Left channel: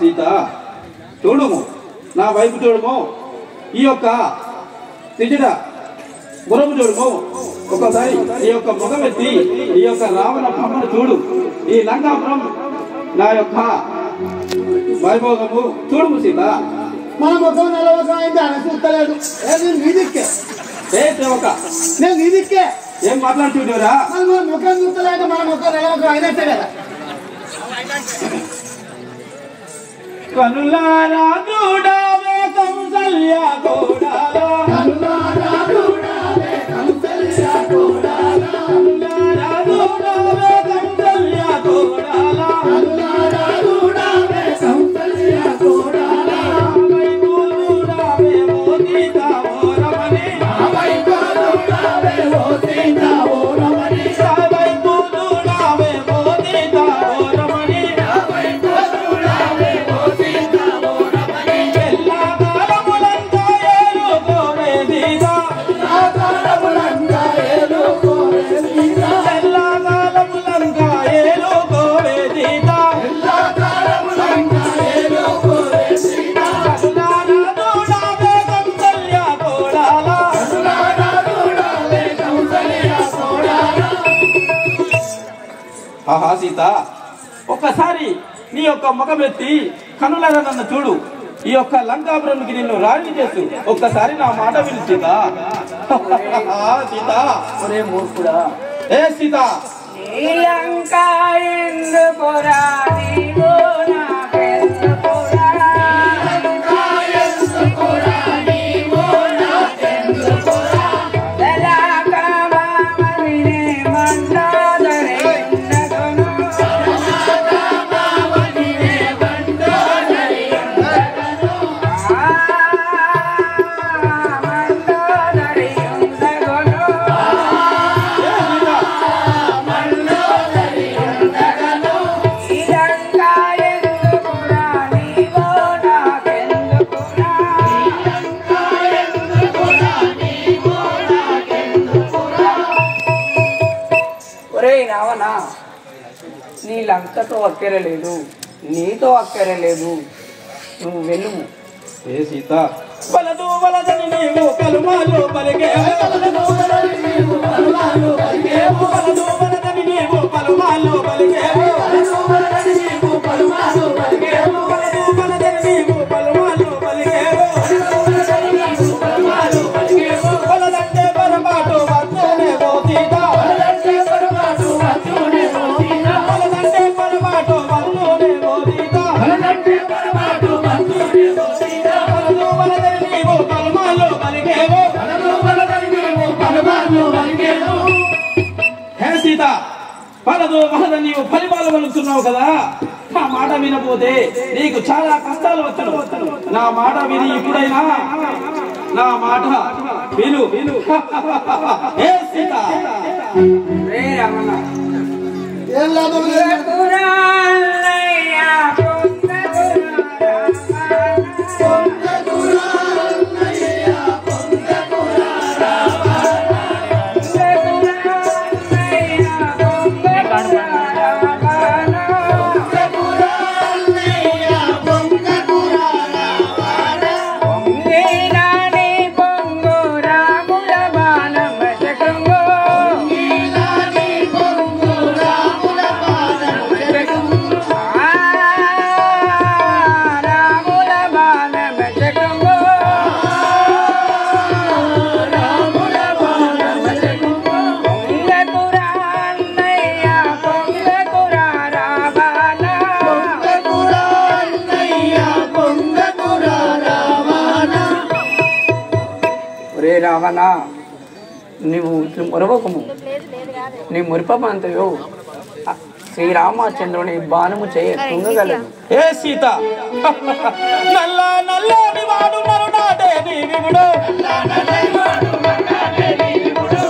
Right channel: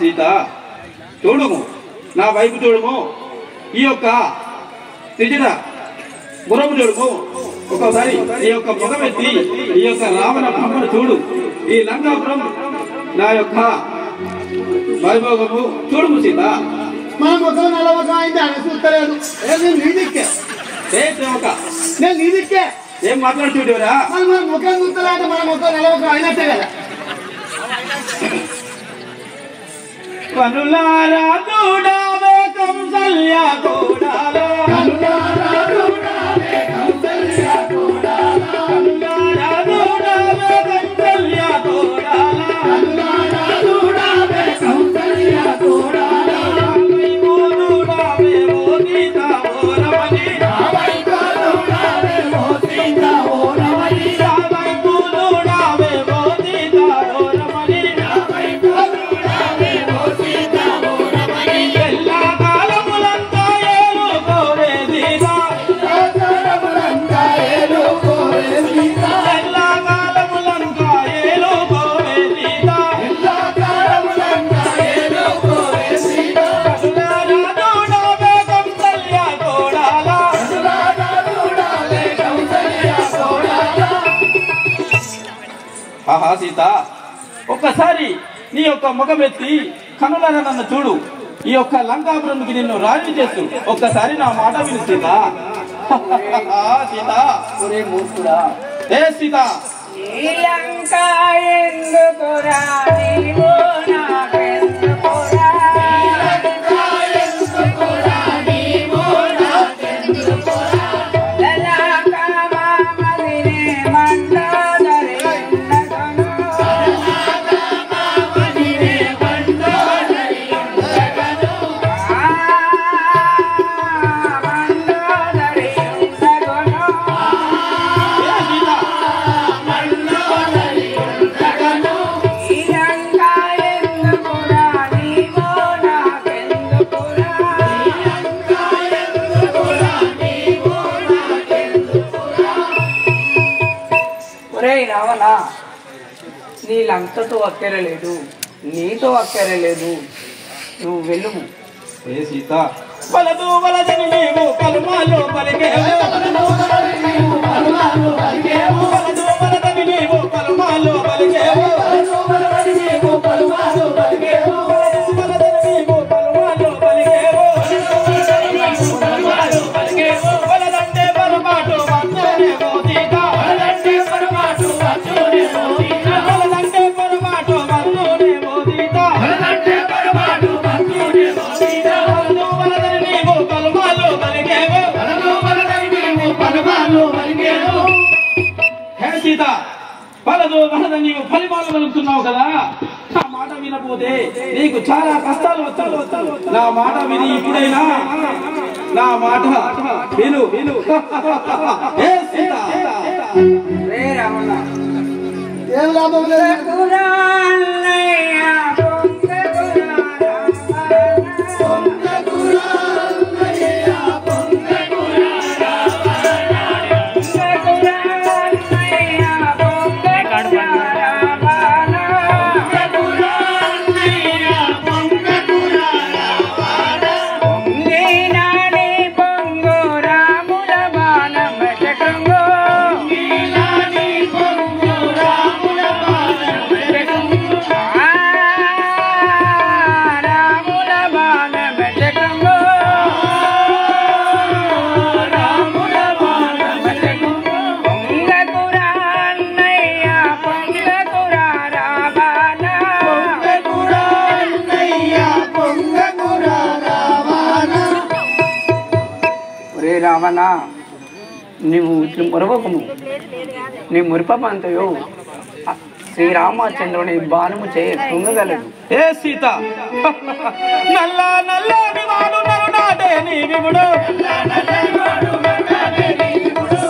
సీత చూడుము, నా వైపు చూడుము, ఈ యొక్క త్రిజట గురము చూడుము. ఒకసారి ఈ యొక్క ముఖమెత్తి ఈ యొక్క రావణ బ్రహ్మను చూడు. ఈ లంకాపురం నా యొక్క వైభోగము చూడుము సీత. మన ముఖం నల్లముఖం అయితే ఆయన చూస్తలేదు. నీ దిక్కే నేను నీ దిక్కే ఏం మాట్లాడుతుండేవరా? మన ముఖం చూస్తలేక మన ముఖం నల్లముఖం అయినట్టే కదా. కనులారా చూడవే కౌసల్య కోడాలా, కనులారా చూడవే కౌసల్య కోడాలా, కనులారా చూడవే కౌసల్య కోడాలా, కనులారా చూడవే కౌసల్య కోడాలా. వైపు చూడవే ఓ సీత ఓ రమణి, వైపు చూడవే ఓ సీత ఓ రమణి, వైపు చూడవే ఓ సీత ఓ రమణి, వైపు చూడవే ఓ సీత ఓ రమణి. ఎల్లా కాలములంతా ఏలు కోరే సీత, ఎల్లా కాలములంతా ఏలు కోరే సీత, ఎల్లా కాలములంతా ఏలు కోరే సీత, ఎల్లా కాలములంతా ఏలు కోరే సీత. కనులారా చూడవే కౌసల్య కోడాలా, కనులారా చూడవే కౌసల్య కోడాలా. ఆహా సీత, ఒక్కసారి నీ యొక్క ముఖమెత్తి కనులారా నన్ను చూడు. ఈ యొక్క లంకాపురంకి నిన్ను రాజు చేస్తూ ఒక్కసారి నా మాట విను సీత. సీత ఒరే మూర్ఖుడా, ఏ సీత శ్రీలంక ఎందుకురా నీవు నాకెందుకురా, శ్రీలంక ఎందుకురా నీవు నాకెందుకురా, మొదలాక మామదిని మండోదరి ఉండగను, మొదలాక మామదిని మండోదరి ఉండగను, మండోదరి ఉండగను. రావణా, నీ లంకతో అక్కరలేదు, నీతో అక్కరలేదు, నువ్వు వెళ్ళుము. ఏ సీత బలదు బలదని నీవు కలుమాలు పలికేవు, బలదు బలదని నీవు కలుమాలు పలికేవు, బలదు బలదని నీవు కలుమాలు పలికేవు, బలదు బలదని నీవు కలుమాలు పలికేవు, బలదు బలదని నీవు కలుమాలు పలికేవు, బలదు బలదని నీవు కలుమాలు పలదు పలద నీవు ఫలిపాలు వెలుస్తున్నావు కదా, నా మాట వినపోతే నీకు చాలా కష్టాలు వచ్చాడు. నా మాట విని ఇప్పుడైనా నా మాట విను. ఏ సీత, రే రమణ, ఏం లాభం లేదు. రావణ, నీవు ఇట్లు మురవకము. నీ మురిపమంతయో శ్రీరామచంద్రుని బాణము చేయ కుంగగలడు. ఏ సీత, నల్ల నల్లని వాడు నరునాడే నీ విముడు,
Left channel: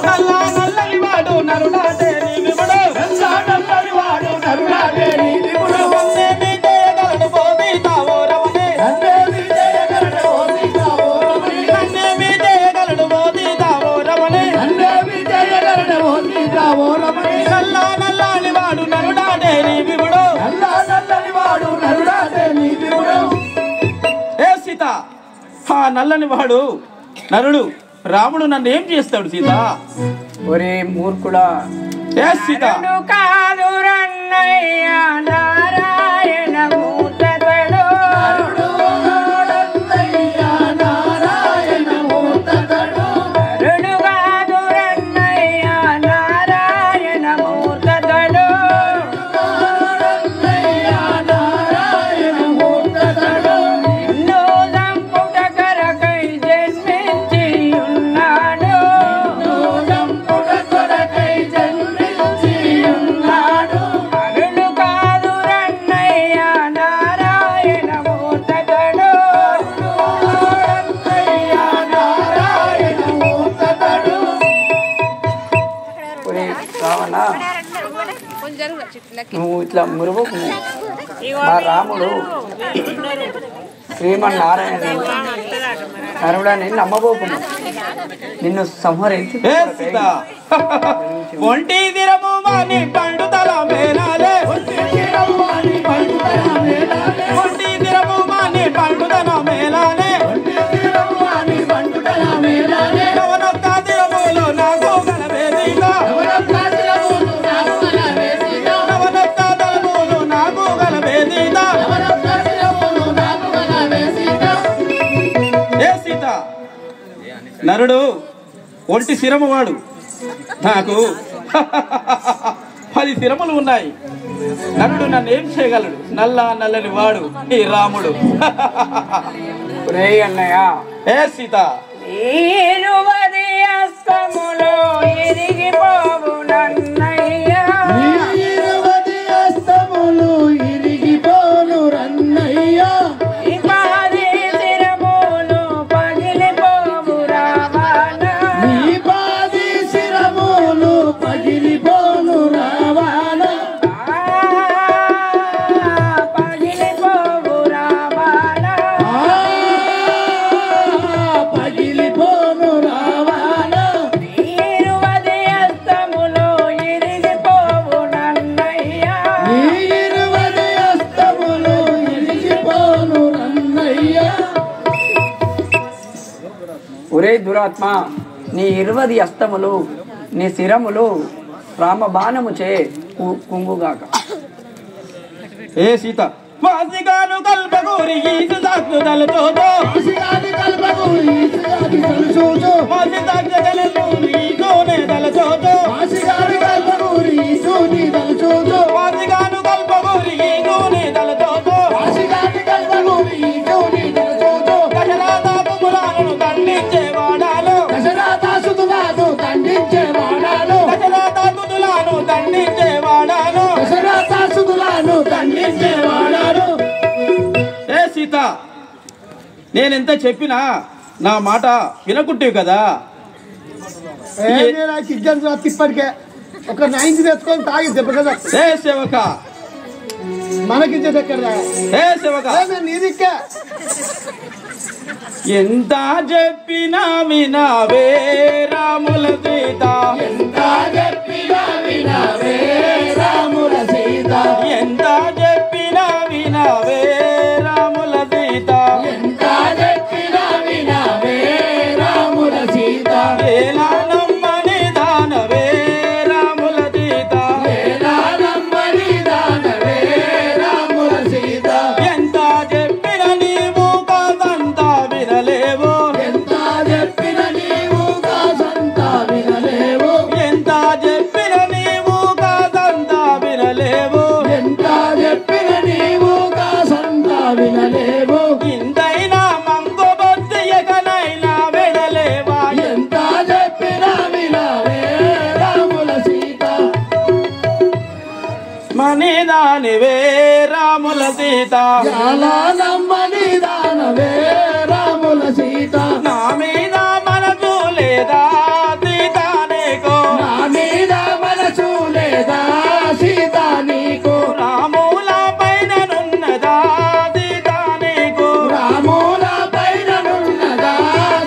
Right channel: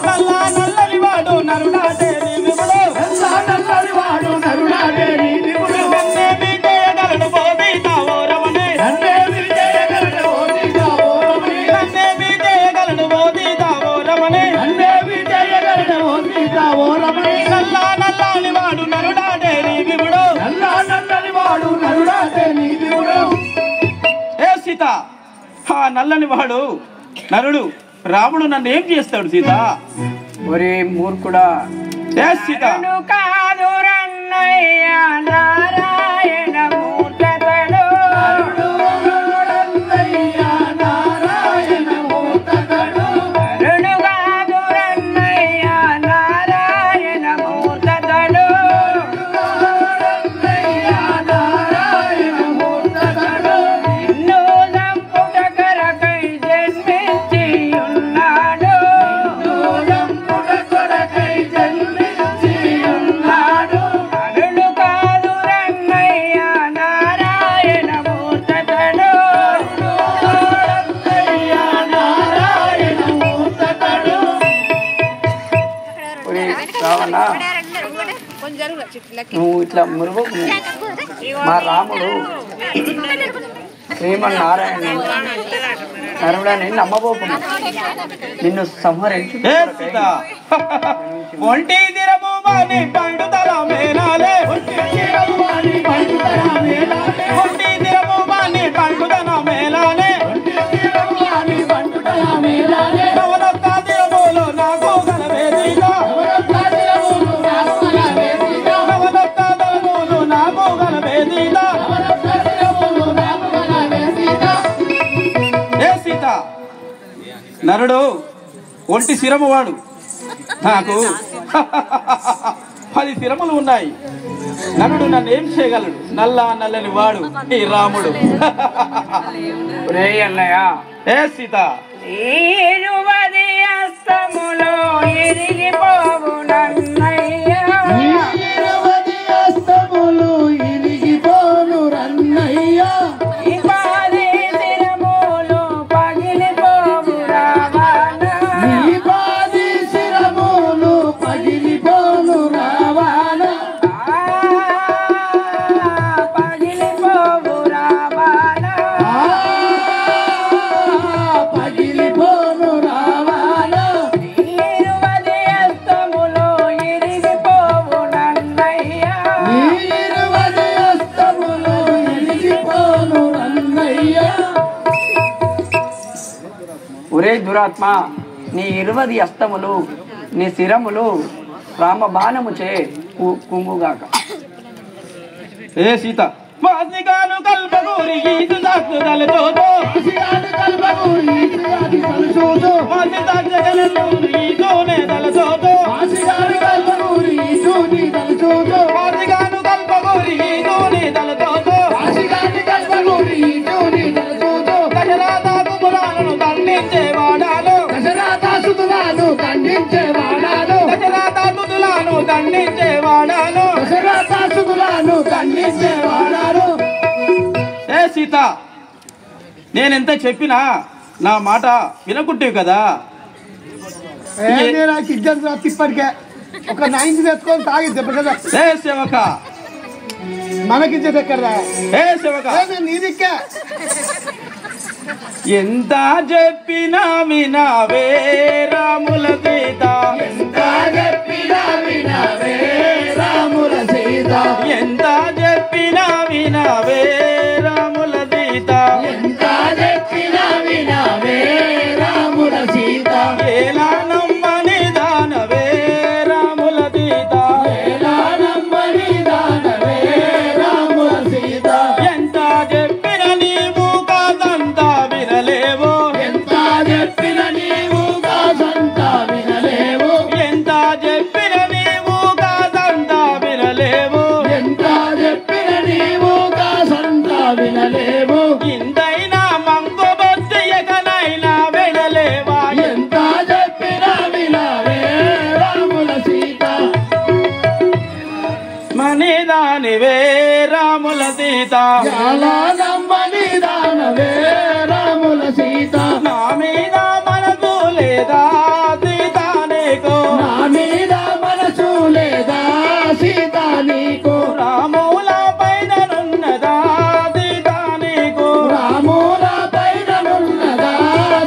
నల్ల నల్లని వాడు నరునాడే నీ విముడు, నన్నేమి చేయగలడు బోధితావో రమణే, నన్నేమి చేయగలడు బోధితావో రమణే, నల్ల నల్లని వాడు నరునాడే నీ విముడు. ఏ సీత, ఆ నల్లని వాడు నరుడు రాముడు నన్ను ఏం చేస్తాడు సీత? ఒరే మూర్ఖుడా, ఏ సీత, కాదు రన్నయ్య నారాయణ మూర్తడు, నరుడు కాదు రన్నయ్య నారాయణ మూర్తడు, నిన్ను నంపుట కొరకై జన్మించి ఉన్నాడు, నరుడు కాదు రన్నయ్య నారాయణ మూర్తడు. ఒరే రావణ, నువ్వు ఇట్లా మురుగు. మా రాముడు శ్రీమన్నారాయణ నరుడని నమ్మబోకున్నా, నిన్ను సంహరించు. ఏ సీత, ఒంటి దిరము మాని పండుదల మేలాలే, ఒంటి దిరము మాని పండుదల మేలాలే, నవనొక్క దిరములు నాకు గలవే సీత, నవనొక్క దిరములు నాకు గలవే సీత. ఏ సీత, నరుడు ఒంటి శిరము వాడు, నాకు 10 శిరములు ఉన్నాయి. నరుడు నన్ను ఏం చేయగలడు? నల్లని వాడు ఈ రాముడు. రే అన్నయ్య, ఏ సీత, ఈరువది అస్తములో ఇరిగిపోవు నన్నయ్య, ఈ పాది శిరములు పగిలిపోవు రావణ, పగిలిపోవు రావణ, ఈరువది అస్తములో ఇరిగిపోవు నన్నయ్య. ఒరే దురాత్మ, నీ 20 అస్తములు నీ శిరములు రామబాణము చే కుంగుగాక. ఏ సీత, మాసిగాను కల్పగూరి ఈదు సాక్షుదల చూదో, మాసి సాక్షగలను ఈదోనే దల చూదో, మాసిగాను కల్పగూరి ఈదోనే దల చూదో, గజరాత కుములాలను దండించేవాడాను, గజరాత కుదులాను దండించేవాడా, నేనెంత చెప్పినా నా మాట వినకుంటే కదా. నాకు ఇద్దరు ఇప్పటికే ఒక 90 తెచ్చుకొని తాగి దెబ్బ కదా. ఏ సేవక మనకిచ్చేది ఎక్కడ? ఏ సేవక నీదిక్కే ఎంత చెప్పినా వినవే రాముల సీత, ఎంత చెప్పినా వినవే రాముల సీత, ఎంత చెప్పినా వినవే రాముల సీత, ఎంత చెప్పినా వినవే రాముల సీత, ఎలా నమ్మని దానవే రాముల సీత, ఎలా నమ్మని దానవే రాముల సీత, ఎంత చెప్పిన నీవు కాదంతా వినలేవు, ఎంత చెప్పిన నీవు కాదంతా వినలేవు, ఎంత చెప్పిన నీవు కాదంతా వినలేవు, ఎంత చెప్పిన నీవు కాదంతా వినలేవు, ఇంతైనా మంగు బొత్తియకనైనా వినలేవా, ఎంత చెప్పినా వినవే రాముల సీత, మనిదానివే రాముల సీత, ఎలా నమ్మని దానవే రాముల సీత, నా మీద మనసు లేదా సీత నీకు, నా మీద మనసు లేదా సీత నీకు, రాముల పైన నున్నదా సీత నీకు, రాముల పైన నున్నదా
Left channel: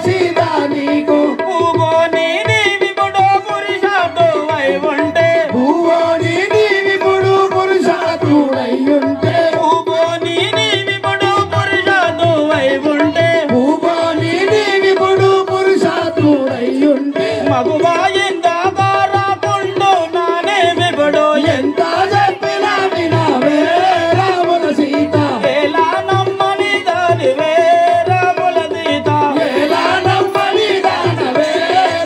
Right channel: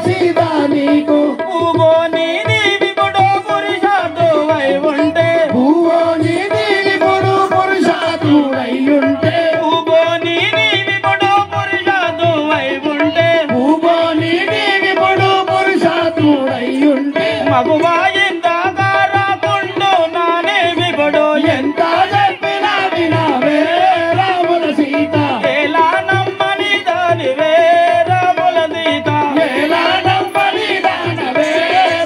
సీత నీకు, పూగోని నీవిపుడు పురుషాటువై ఉంటే, పూగోని నీవిపుడు పురుషాటువై ఉంటే, పూగోని నీవిపుడు పురుషాటువై ఉంటే, పూగోని నీవిపుడు పురుషాటువై ఉంటే, మగువా ఇందాక రాకుండు నా నీవిపుడు ఎంత చెప్పినా వినవే రాముల సీత, ఎలా నమ్మని దానివే రాముల సీత, ఎలా నమ్మని దానవే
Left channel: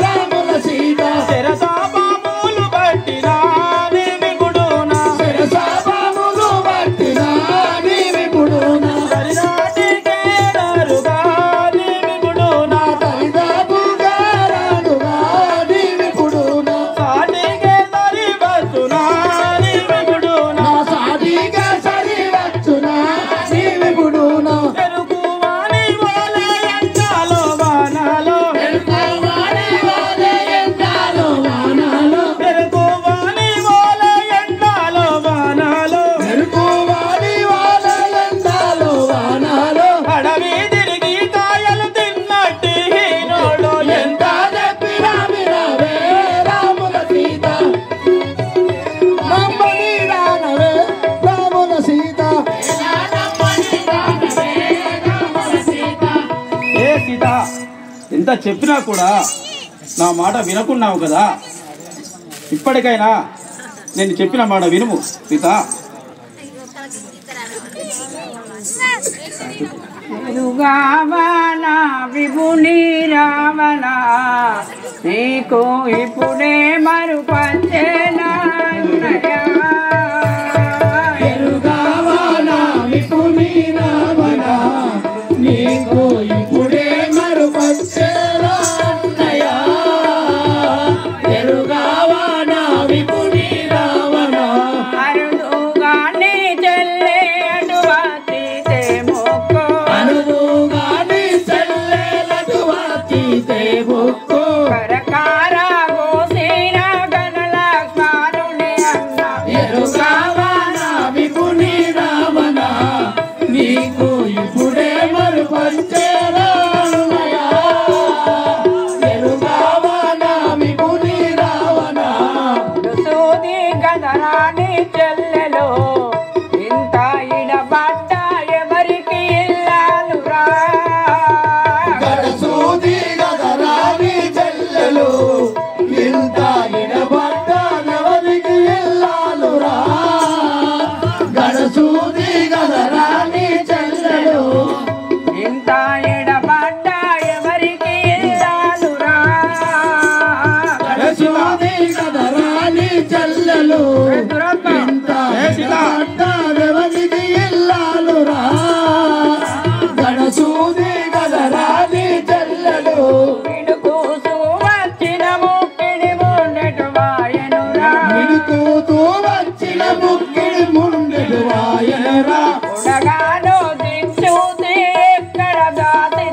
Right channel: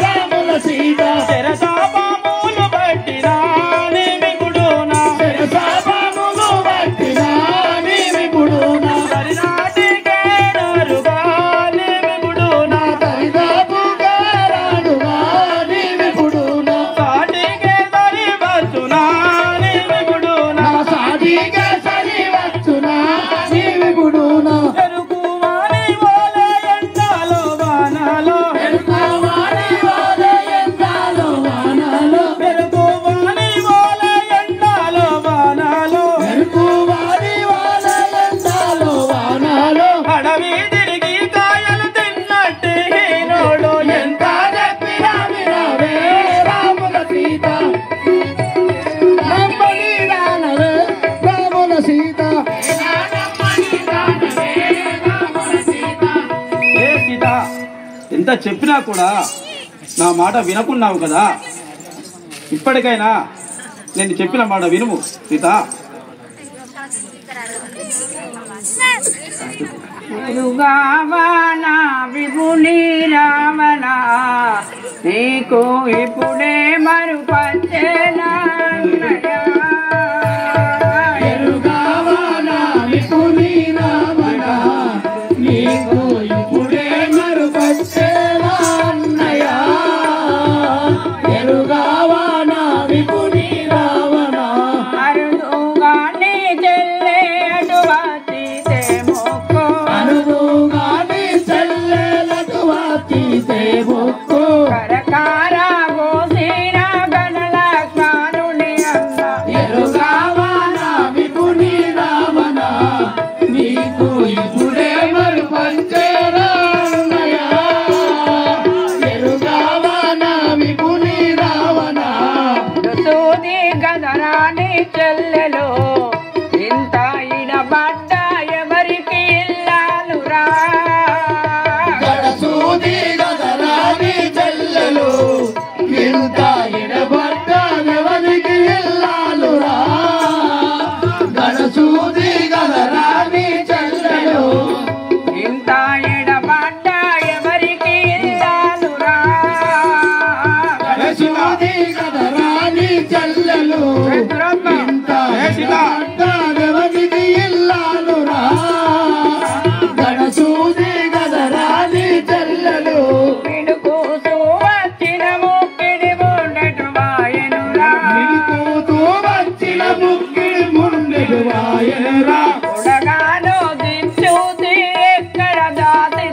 రాముల సీత, శిరసాపాములు పట్టినా నీవిపుడునా, శిరసాపాములు పట్టినా నీవిపుడునా, సరిదాటికే నారుగా నీవిపుడునా, సరిదాపుగా రాడుగా నీవిపుడునా, సాటికే సరివచ్చునా నీవిపుడునా, సాటికే సరివచ్చునా నీవిపుడునా, ఎరుకువాని వలె ఎండాలో వానాలో, ఎరుకువాని వలె ఎండాలో వానాలో, ఎరుకువాని వలె ఎండాలో వానాలో, ఎరుకువాని వలె ఎండాలో వానాలో, అడవి తిరిగి కాయలు తిన్నట్టు హీనోడు ఎంత చెప్పినా వినవే రాముల సీత, నమ్మని దానవే రాముల సీత, ఏ సీత ఎంత చెప్పినా కూడా నా మాట వినకున్నావు కదా, ఇప్పటికైనా నేను చెప్పిన మాట వినుము సీత. ఎరుగావన విభుని రావణ నీకు ఇప్పుడే మరుపచ్చేనా ఎరుగావన విభుని రావణ నీకు ఇప్పుడే మరుపచ్చేనా ఎరుగావన విభుని రావణ అరుదుగాని చెల్లే అటువతి మొక్కు అరుదుగాని చెల్లే అటువతి మొక్కు కరకార గోసిన గణలక్ష్మణుని అన్న ఎరుగావన విభుని రావణ నీకు ఇప్పుడే మరుపచ్చేనా ఎరుగావన విభుని రావణ సూది గదరాని చెల్లెలో ఇంత ఇడబడ్డ ఎవరికి ఇల్లాలురా గడసూది గదరాని చెల్లెలో ఇంత ఇడబడ్డ ఎవరికి ఇల్లాలురా గడసూది గదరాని చెల్లెలో ఇంత ఎడబడ్డ ఎవరికి ఇల్లాలురా గడసూది గదరాని చెల్లెలో ఇంత ఎడబడ్డ ఎవరికి ఇల్లాలురా గడసూది గదరాని చెల్లెలో పిడుకూసు వచ్చిన ముక్కిడి ముండెటు వాయనురా పిడుకూసు వచ్చిన ముక్కిడి ముండెటు వాయనురా ఉడగాను దించూతి ఎక్కడ దాతి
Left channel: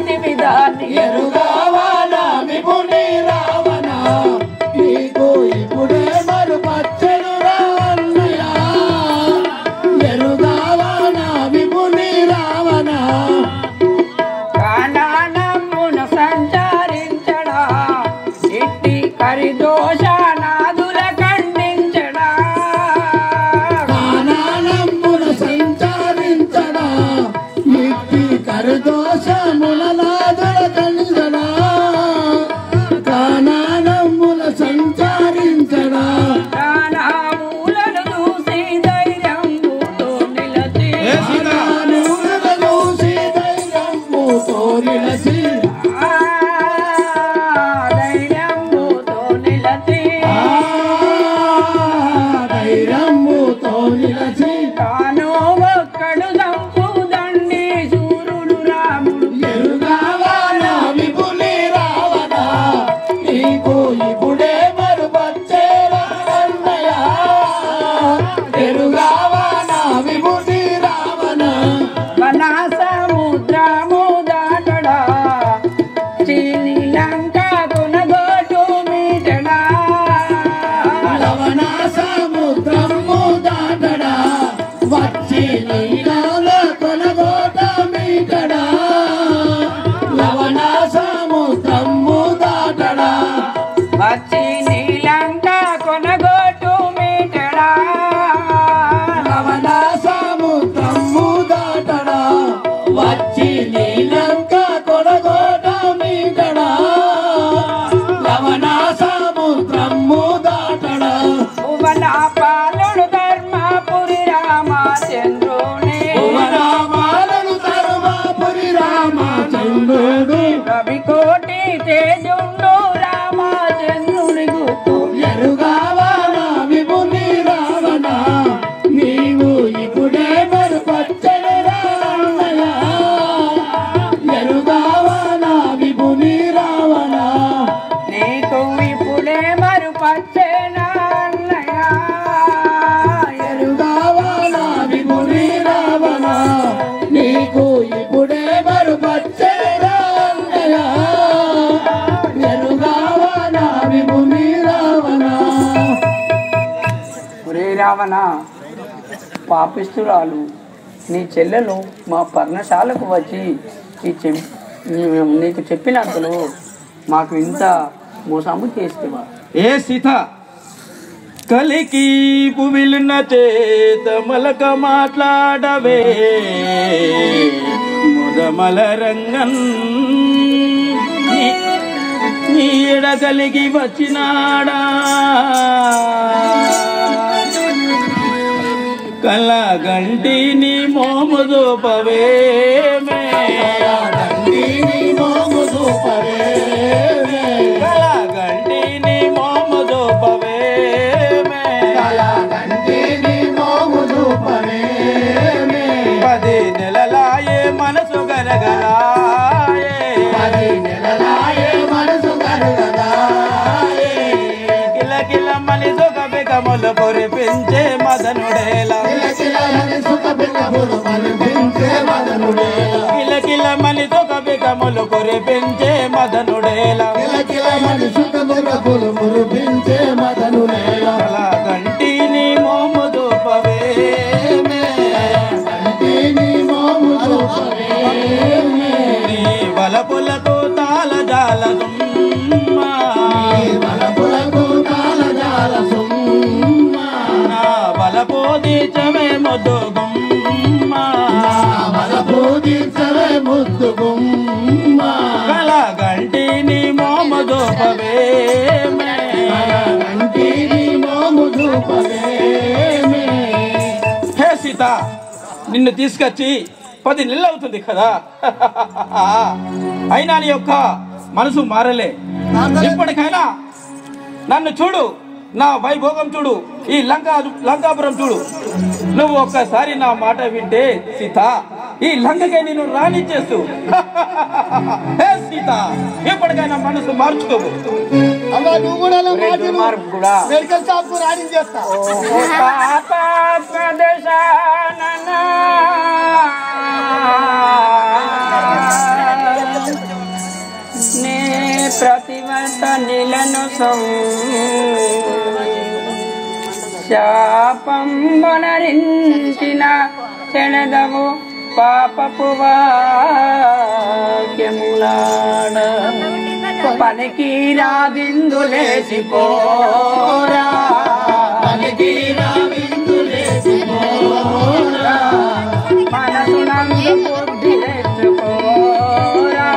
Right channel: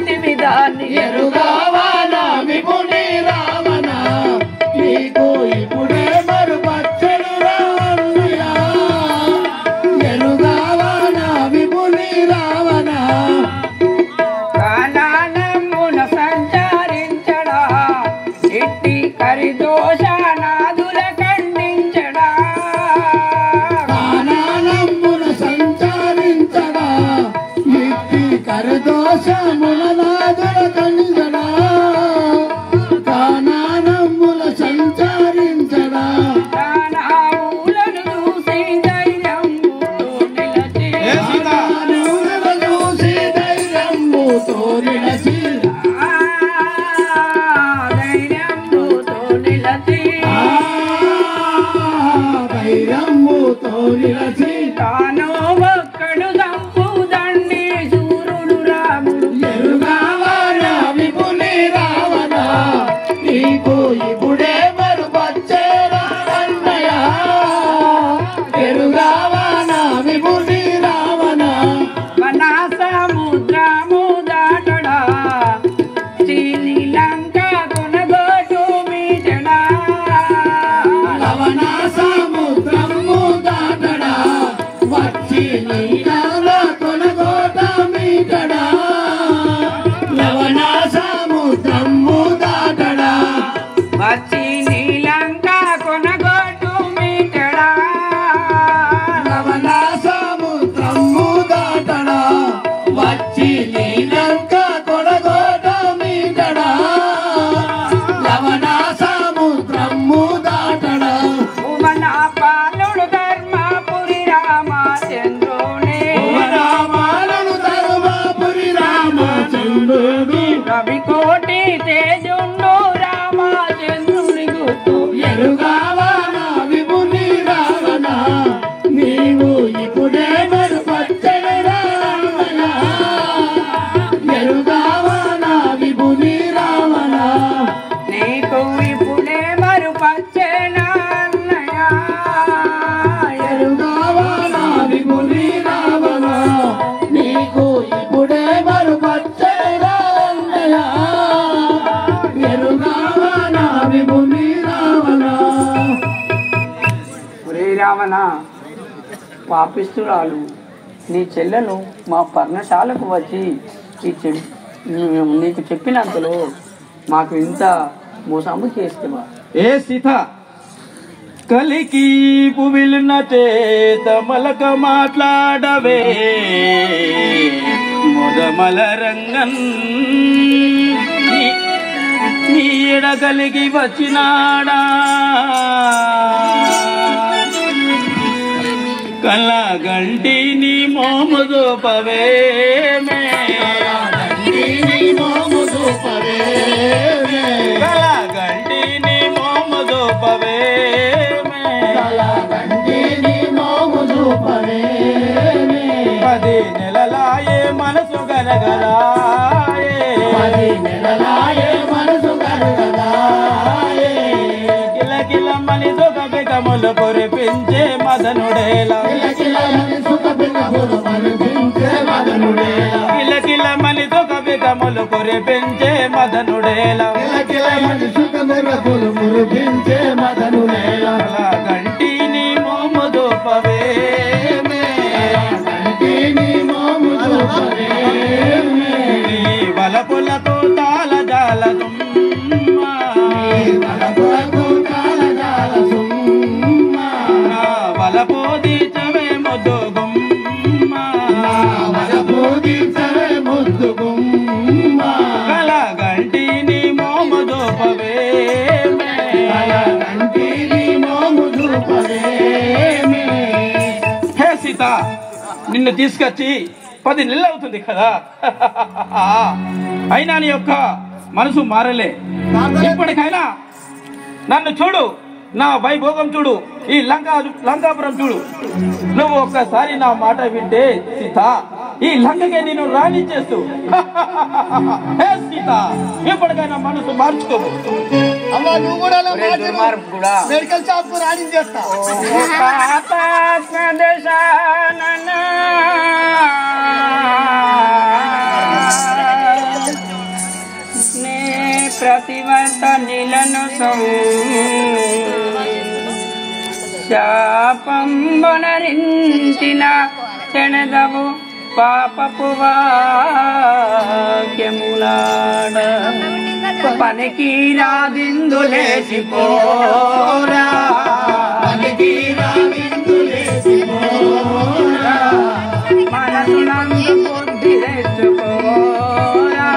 నీలాల కొనగోట మీటడా లవణ సముద్రము దాటడా వచ్చి నీలంక కొనగోటు మీటడా లవణ సముద్రము దాటడా వచ్చి నీలంక కొనగోట మీటడా లవణ సముద్రము దాటడా భువన పాలుడు ధర్మపురి రామచంద్రుని రవి కోటి తేజుండు రామచంద్రుని గుర్తు ఎరుగావా నా విభుని రావణ నీవు ఇప్పుడే మరుపచ్చని రావణ ఎరుగావా నా విభుని రావణ నీకు ఇప్పుడే మరుపచ్చేనా అన్నయ్య ఎరుగావా నా విభుని రావణ నీకు ఇప్పుడే మరుపచ్చని రావణ ఎరుగావా నా విభుని రావణ ఒరే రావణ పాపిస్తురాలు నీ చెల్లెలు మా పర్ణశాలకు వచ్చి నీకు చెప్పినప్పుడు మాకు ఇంత మోసము చేస్తున్నా ఏ సీత కలికి పువిలిన చేత మలక మాట్లాడవే మొదమల రంగన్ నీ ఎడ కలిగి వచ్చినాడా కలగంటి నీ మోము దూపవే కలగంటి నీ మోము దూపవే పది నెలలాయే మనసు గలగలాయే కిల కిల మలి సొగ బెగములు కురిపించే మదనుడేలా కిల కిల మలి సొగ బెగములు కురిపించే మదనుడేలా కలగంటి నీ మోము దూపవే నీ వలపులకు తాళ జాల వలపు దీచవే ముద్దుగుమ్మ కలగంటి నీ మోము దూపవే హే సీత నిన్ను తీసుకొచ్చి 10 నెలలు అవుతుంది కదా అయినా నీ యొక్క మనసు మారలే ఇప్పటికైనా నన్ను చూడు నా వైభోగం చూడు ఈ లంకాపురం చూడు నువ్వు ఒక్కసారి నా మాట వింటే సీత ఈ లంకకే నేను రాణించేస్తూ హే సీత ఎప్పటికైనా మనసు మార్చుకోవు అమ్మా నువ్వు కూడా ఒరే దుర్మార్గుడా. మెడికల్ షాప్ రాణించేస్తా నే ప్రతివర్త నిలను శాపంబనరించిన చెణదవు పాపపు వాక్యములాడ పనికి రాదిందులేసిపోరా మనసునందు బుద్ధి తెచ్చుకోరా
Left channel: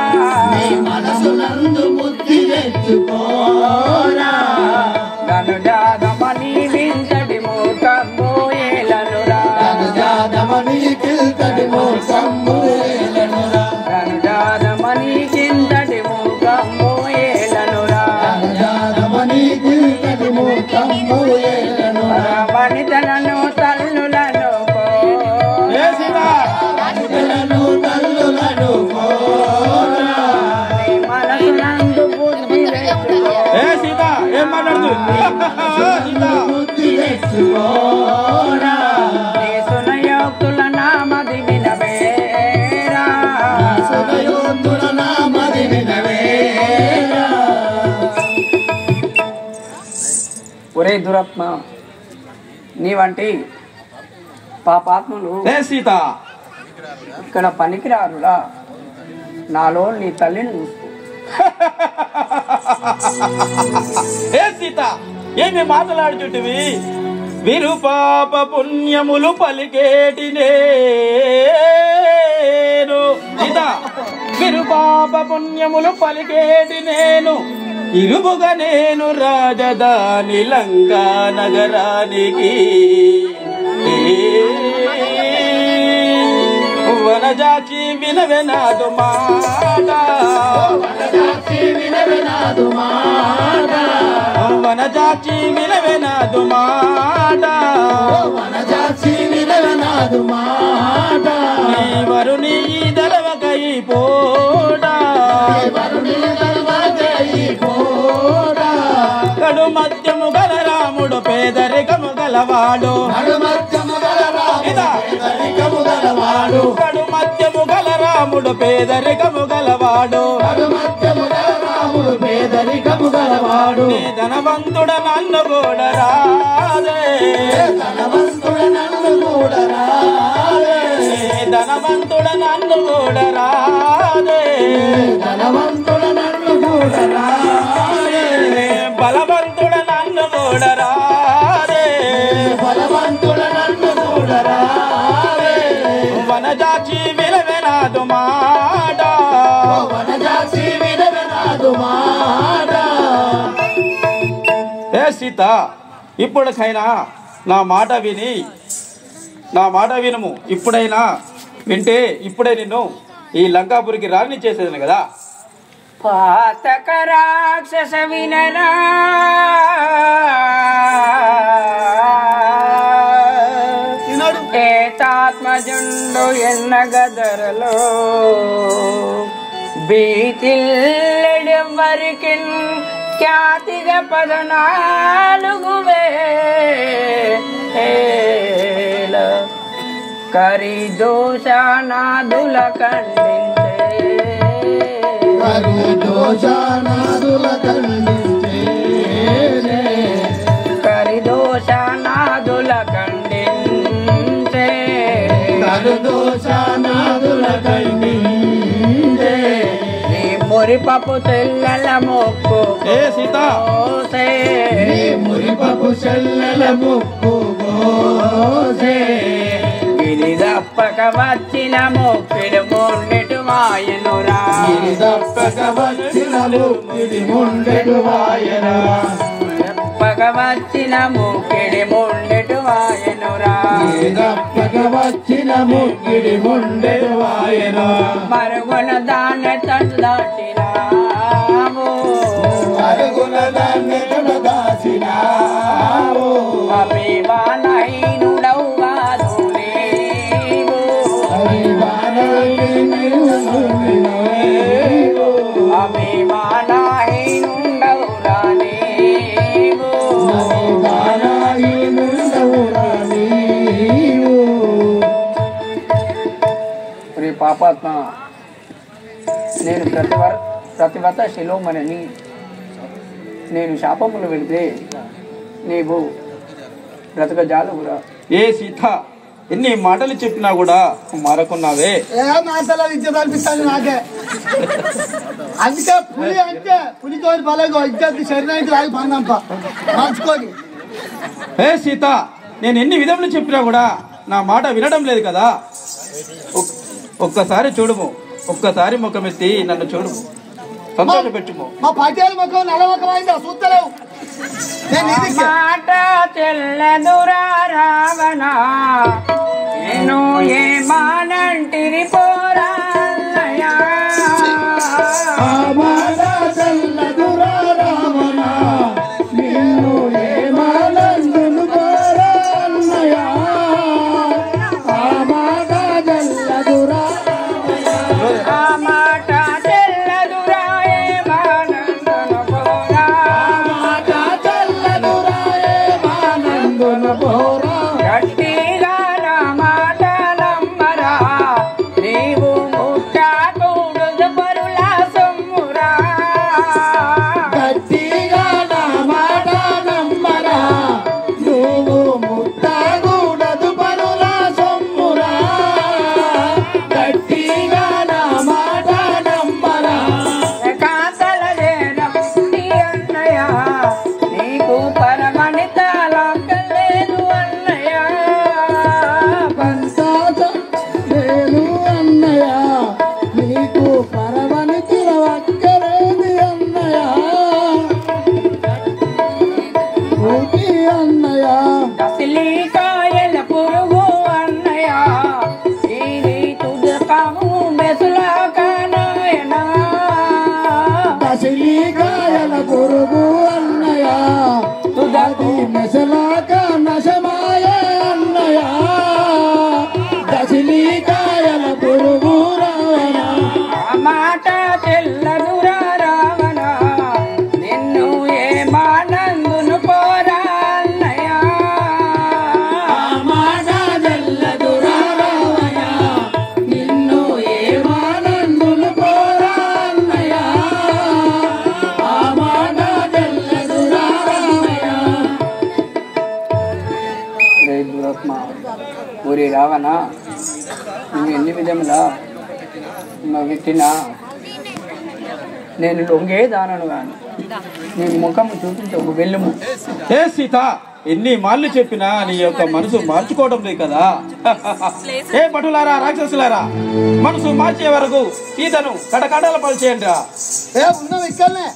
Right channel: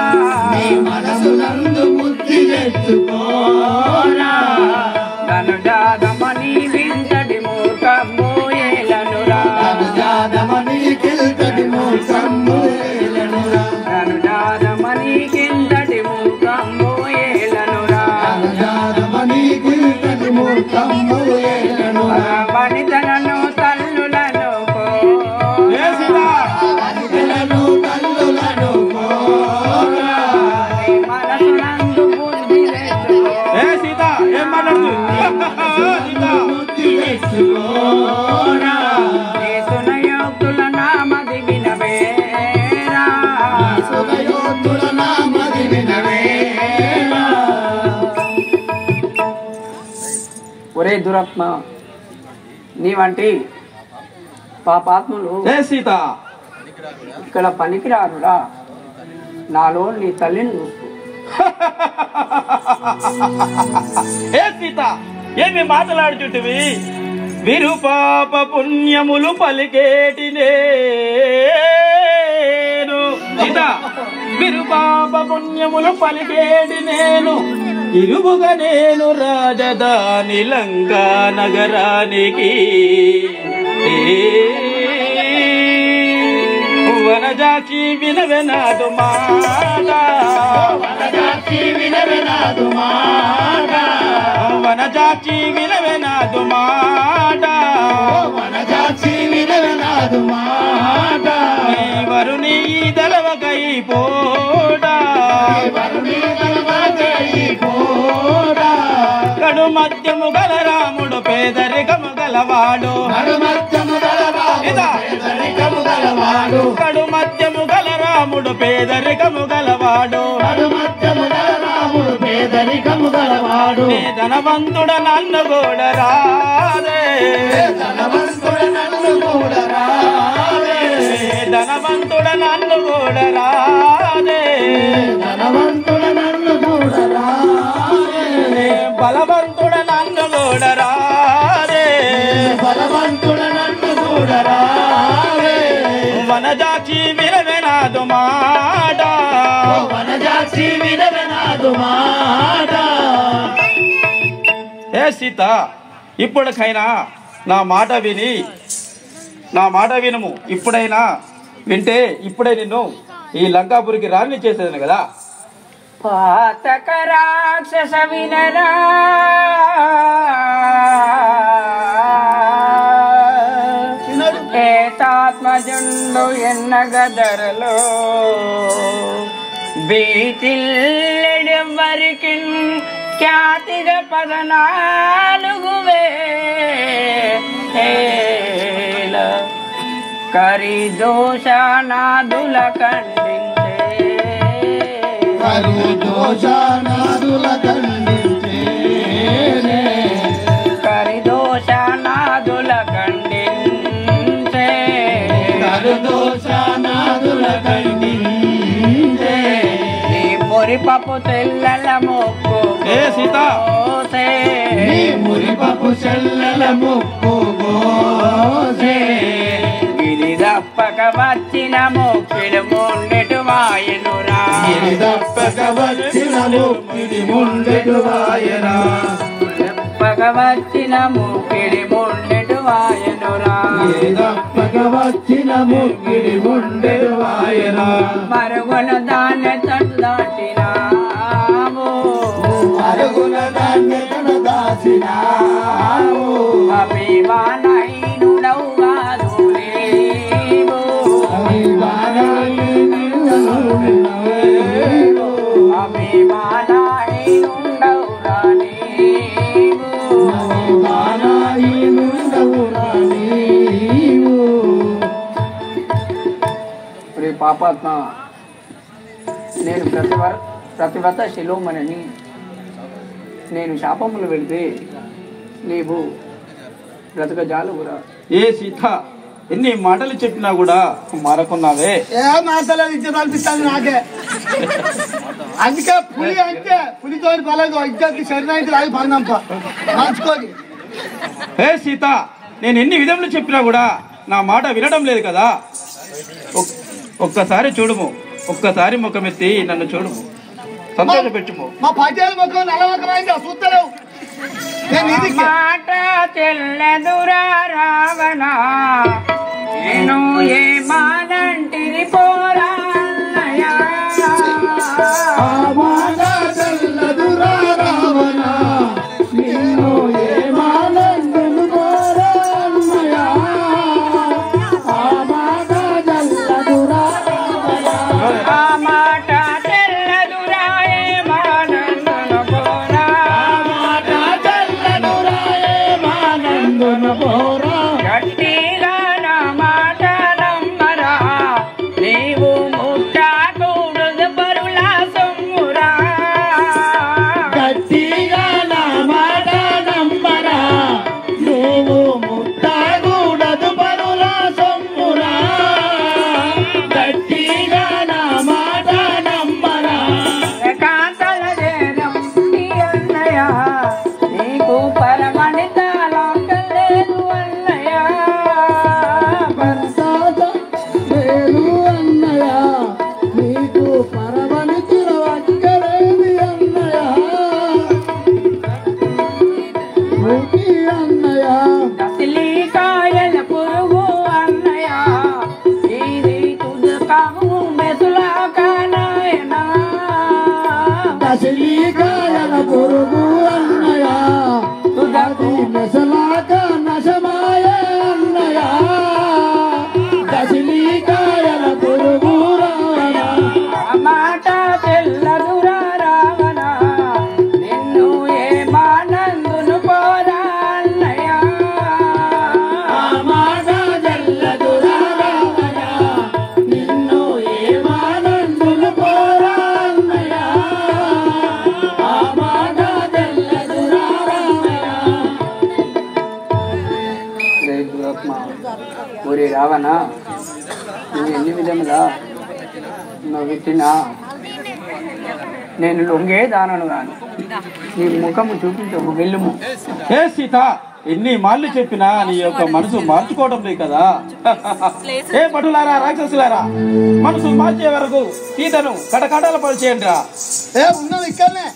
నన్ను జాదమని వింతటి మూర్ఖము ఏలనురా నన్ను జాదమని కింతటి మూర్ఖము ఏలనురా వనితలను తల్లులను మనసునందు బుద్ధి సునయోక్తుల నామది వినవేరా ఒరే దురాత్మ నీ వంటి పాపాత్ములు ఏ సీత ఇక్కడ పనికిరారురా. నాలో నీ తల్లిని చూస్తూ ఏ సీత ఏమి మాట్లాడుచుంటివి? విరుపాప పుణ్యములు పలికేటి నేను సీత, విరుపాప పుణ్యములు పలికేటి నేను, ఇరుముగా నేను రాజధాని లంకా నగరానికి. వనజాకి వినవెనాదు మాట, వనజాకి వినవెనాదు మాట, వనజాకి వినవెనాదు మాట, వనజాకి వినవెనాదు మాట. వరుని దళవకై పోడా, వరుని దళవకై పోడా. కడు మధ్యము గల రాముడు పేదరికము గలవాడు, కడు మధ్యము గల పేదరికము గలవాడు, కడు మధ్యము గల రాముడు పేదరికము గలవాడు, కడు మధ్యము గల రాముడు పేదరికము గలవాడు. నీ ధనవంతుడ నన్ను కూడా రాదే, ధనవంతుడ నన్ను కూడా రాదే, ధనవంతుడ నన్ను కూడా రాదే, ధనవంతుడ నన్ను కూడా రాదే. బలవంతుడ నన్ను కూడా రాదే, బలవంతుడ నన్ను కూడా రాదే. వనజాచి వినవెనాదు మాట, వనజాచి వినవెనాదు మాట. ఏ సీత ఇప్పటికైనా నా మాట విని, నా మాట వినము. ఇప్పుడైనా వింటే ఇప్పుడే నిన్ను ఈ లంకాపురికి రాణి చేసేదని కదా. పాతక రాక్షస వినరా, ఏతాత్మజుండు ఎన్నగదరలో బీతిల్లెడెవ్వరికి ఖ్యాతిగ 14,000 కరిదోషానాదుల ఖండించే, కరిదోషానాదుల ఖండించే, కరిదోషానాదుల ఖండించే, కరిదోషానాదుల ఖండించే. నీ మురిపపు తెల్లల మొక్కు ఏ సీత నీ మురిపపు చెల్లెల ముక్కు గోసే. గిరి దప్పక వచ్చిన మొక్కిడి మొండెటు మాయనురా, గిరి దప్పక వచ్చిన ముక్కిడి ముండెటు వాయనా, దప్పక వచ్చిన మొక్కిడి మొండెటు మాయనురా. గిరి దప్పక వచ్చిన ముక్కిడి ముండెటు వాయనా. మరుగున దాన్ని తట్టు దాటినాము, అరుగున దాన్ని తను దాచినావు. అభిమానహీనుడవు కాదు నీవు, అభిమానహీనుడవురా నీవు. ప్రియ పాపాత్మ, నేను ప్రతివ్రత శిలోమణిని. నేను శాపములు పెడితే నీవు బ్రతకజాలుగురా. ఏ సీత ఎన్ని మాటలు చెప్పినా కూడా మారకున్నావే. ఏ మాటలు ఇచ్చేది అనిపిస్తుంది నాకే. అందుకే పులి అంటే పులితో పలగో ఇచ్చేది శరీరానికి రాగి పందంప మార్చుకొని. ఏ సీత నేను ఎన్ని విధములు చెప్పినా కూడా నా మాట వినడం లేదు కదా. ఒక్కసారి చూడుము, ఒక్కసారి ముఖమెత్తి నన్ను చూడుము, సంతోషపెట్టుము. మా పటేల్ ముఖం నల్ల ముఖం అయితే చూస్తలేవు. నేను నీదికి మాట తెల్లదురా రావణ, నేను ఏమానంటిని పోరా అన్నయ్యా. గట్టిగా నా మాటలం కాయల పురుగు అన్నయ్య దశి నశలాక నశమాయ అన్నయ్య దశిని కాయల పురుగు రావణ మాట తెల్లదురా రావణ నిన్ను ఏమానందును పోరా అన్నయ్య మాట తెల్లదురా రావణ నిన్ను ఏమానందును పోరా అన్నయ్య మాట తెల్లదురా రావణ ఊరి రావణ నువ్వు ఎన్ని విధములా నువ్వు పెట్టినా నేను లొంగే దానను గాను నీ ముఖము చూపించవు వెళ్ళుము. ఏ సీత ఎన్ని మాళ్ళు చెప్పినా నీ యొక్క మనసు మార్చుకోవడం లేదు కదా. ఏ పటులారా రాక్షసులారా మనసు మార్చే వరకు సీతను కడకడాల పనిచేయండి రా. ఉన్నాం ఇక్కడనే.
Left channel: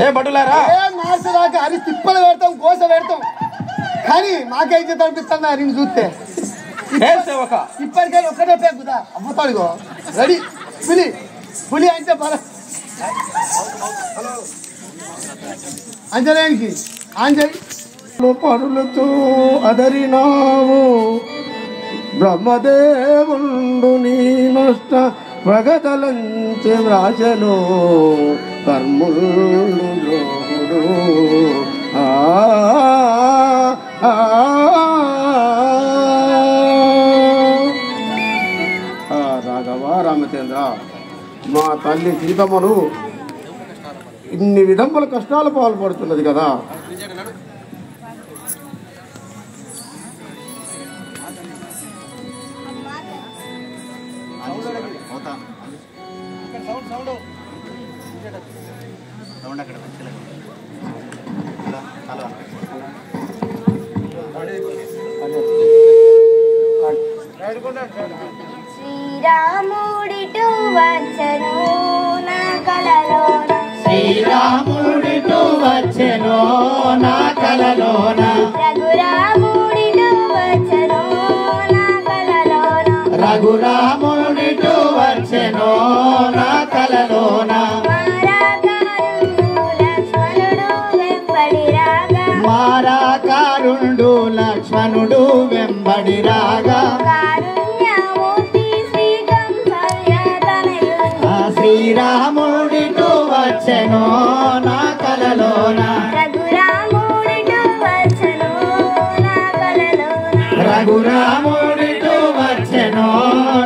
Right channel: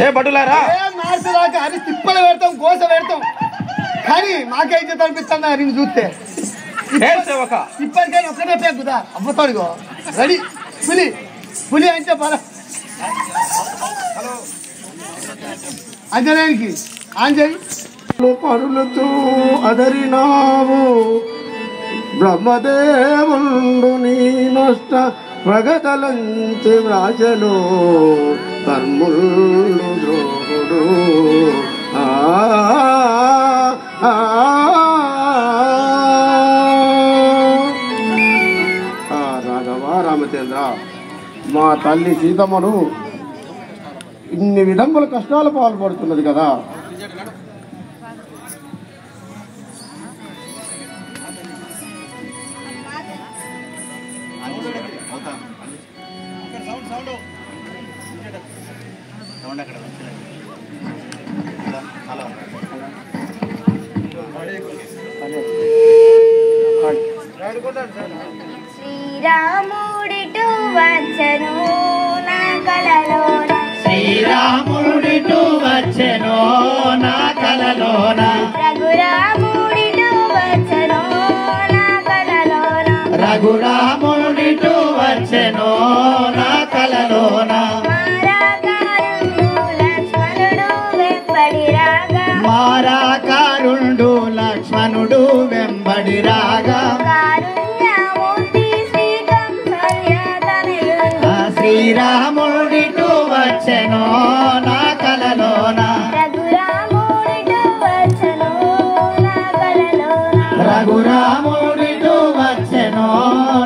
ఏ పటులారా మార్చదాకా అని తిప్పలు పెడతాం గోస పెడతాం కానీ మాకైతే తనిపిస్తాను నేను చూస్తే ఏ సేవక ఇప్పటికైనా ఒక్కటే పేకుదా అవ్వతాడుగో రెడీ పులి పులి అంటే బల అంజనేయునికి ఆంజలి పరులతో అదరినావు బ్రహ్మదేవుండు నీ నష్ట ప్రగతలంచి వ్రాసలో కర్ములు ద్రోహుడు రాఘవ రామచంద్ర మా తల్లి సీతమ్మను ఇన్ని విధముల కష్టాలు పాల్పడుతున్నది కదా. శ్రీరాముడిటు వచ్చెను నా కలలోన శ్రీరాముడిటు వచ్చెను నా కలలోన రఘురాముడిటు వచ్చెను నా కలలోన రఘురాముడిటు వచ్చెను నా కలలోన మారాకారుడు లక్ష్మణుడు వెంబడి రాగా మారాకారుండు లక్ష్మణుడు వెంబడిరాగా శ్రీరాముడిటు వచ్చెను నా కలలోన రఘురాముడిటు వచ్చెను నా కలలోన రఘురాముడిటు వచ్చెను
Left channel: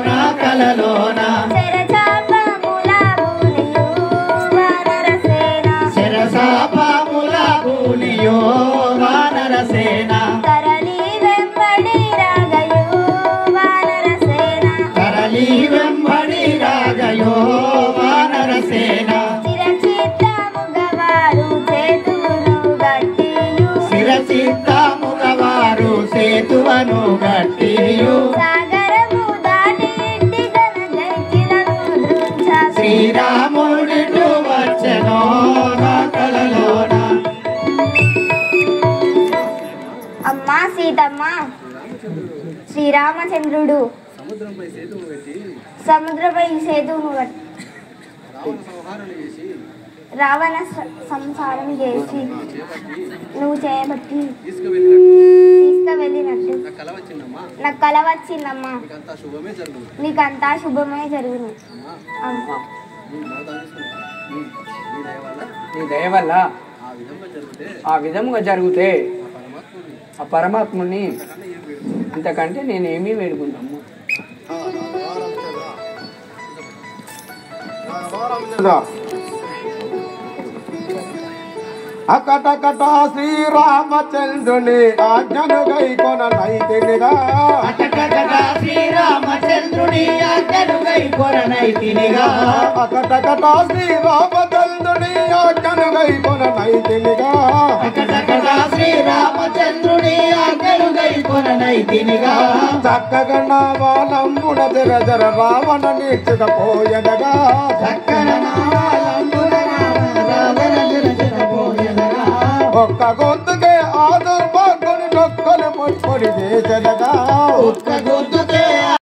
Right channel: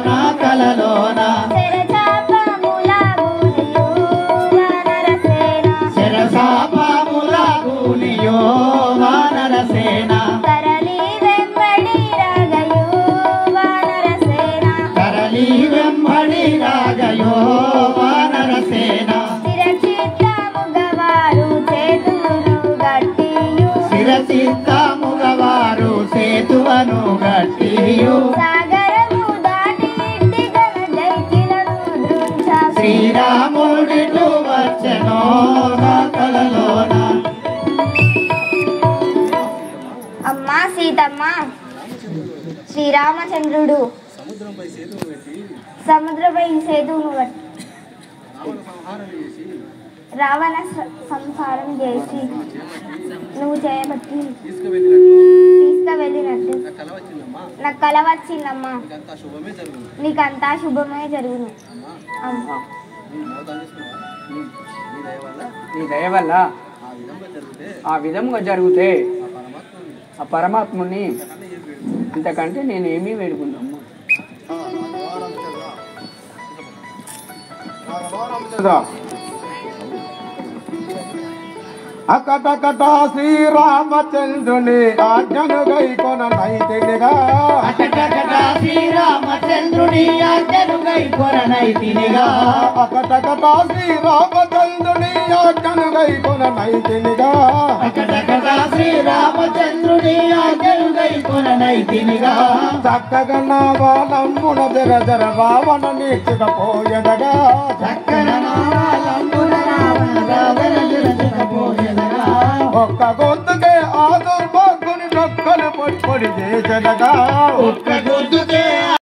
నా కలలోన శరచాపముల బూలియు వానరసేన శరసాపముల బూలియో వానరసేన తరలి వెంబడి రాగయు వానరసేన శిరచిత్తముగవారు సేతువను గట్టియు శ్రీరాముడిటు వచ్చెను నా కలలోన. అమ్మా సీతమ్మ శ్రీరామచంద్రుడు సముద్రపై సేతువును పెట్టి రావణ సంహారం చేసి నువ్వు చేయబట్టి తీసుకువెళ్ళినట్టు నాకు కల వచ్చిందమ్మా నీకంతా శుభమే జరుగును అమ్మా నీ దయ వల్ల ఆ విధంగా జరిగితే ఆ పరమాత్ముని ఇంతకంటే నేను ఏమీ వేడుకుంటాము. అకటకట శ్రీరామచంద్రుని ఆజ్ఞను గైకొన నైతినిగా అకటకట శ్రీరామచంద్రుని ఆజ్ఞను గైకొన నైతినిగా అకటకట శ్రీరామచంద్రుని ఆజ్ఞను గైకొన నైతినిగా అకటకట శ్రీరామచంద్రుని ఆజ్ఞను గైకొన నైతినిగా చక్కగా నా బాలమ్మున జర రావణ నీచుకపోయదగా చక్కన నారాయణుడ రావణ ఒక్క గొంతుకే ఆ దుర్భాగ్యుని మొక్కలు పట్టుకొని చేసదగా ఒక్క గొంతు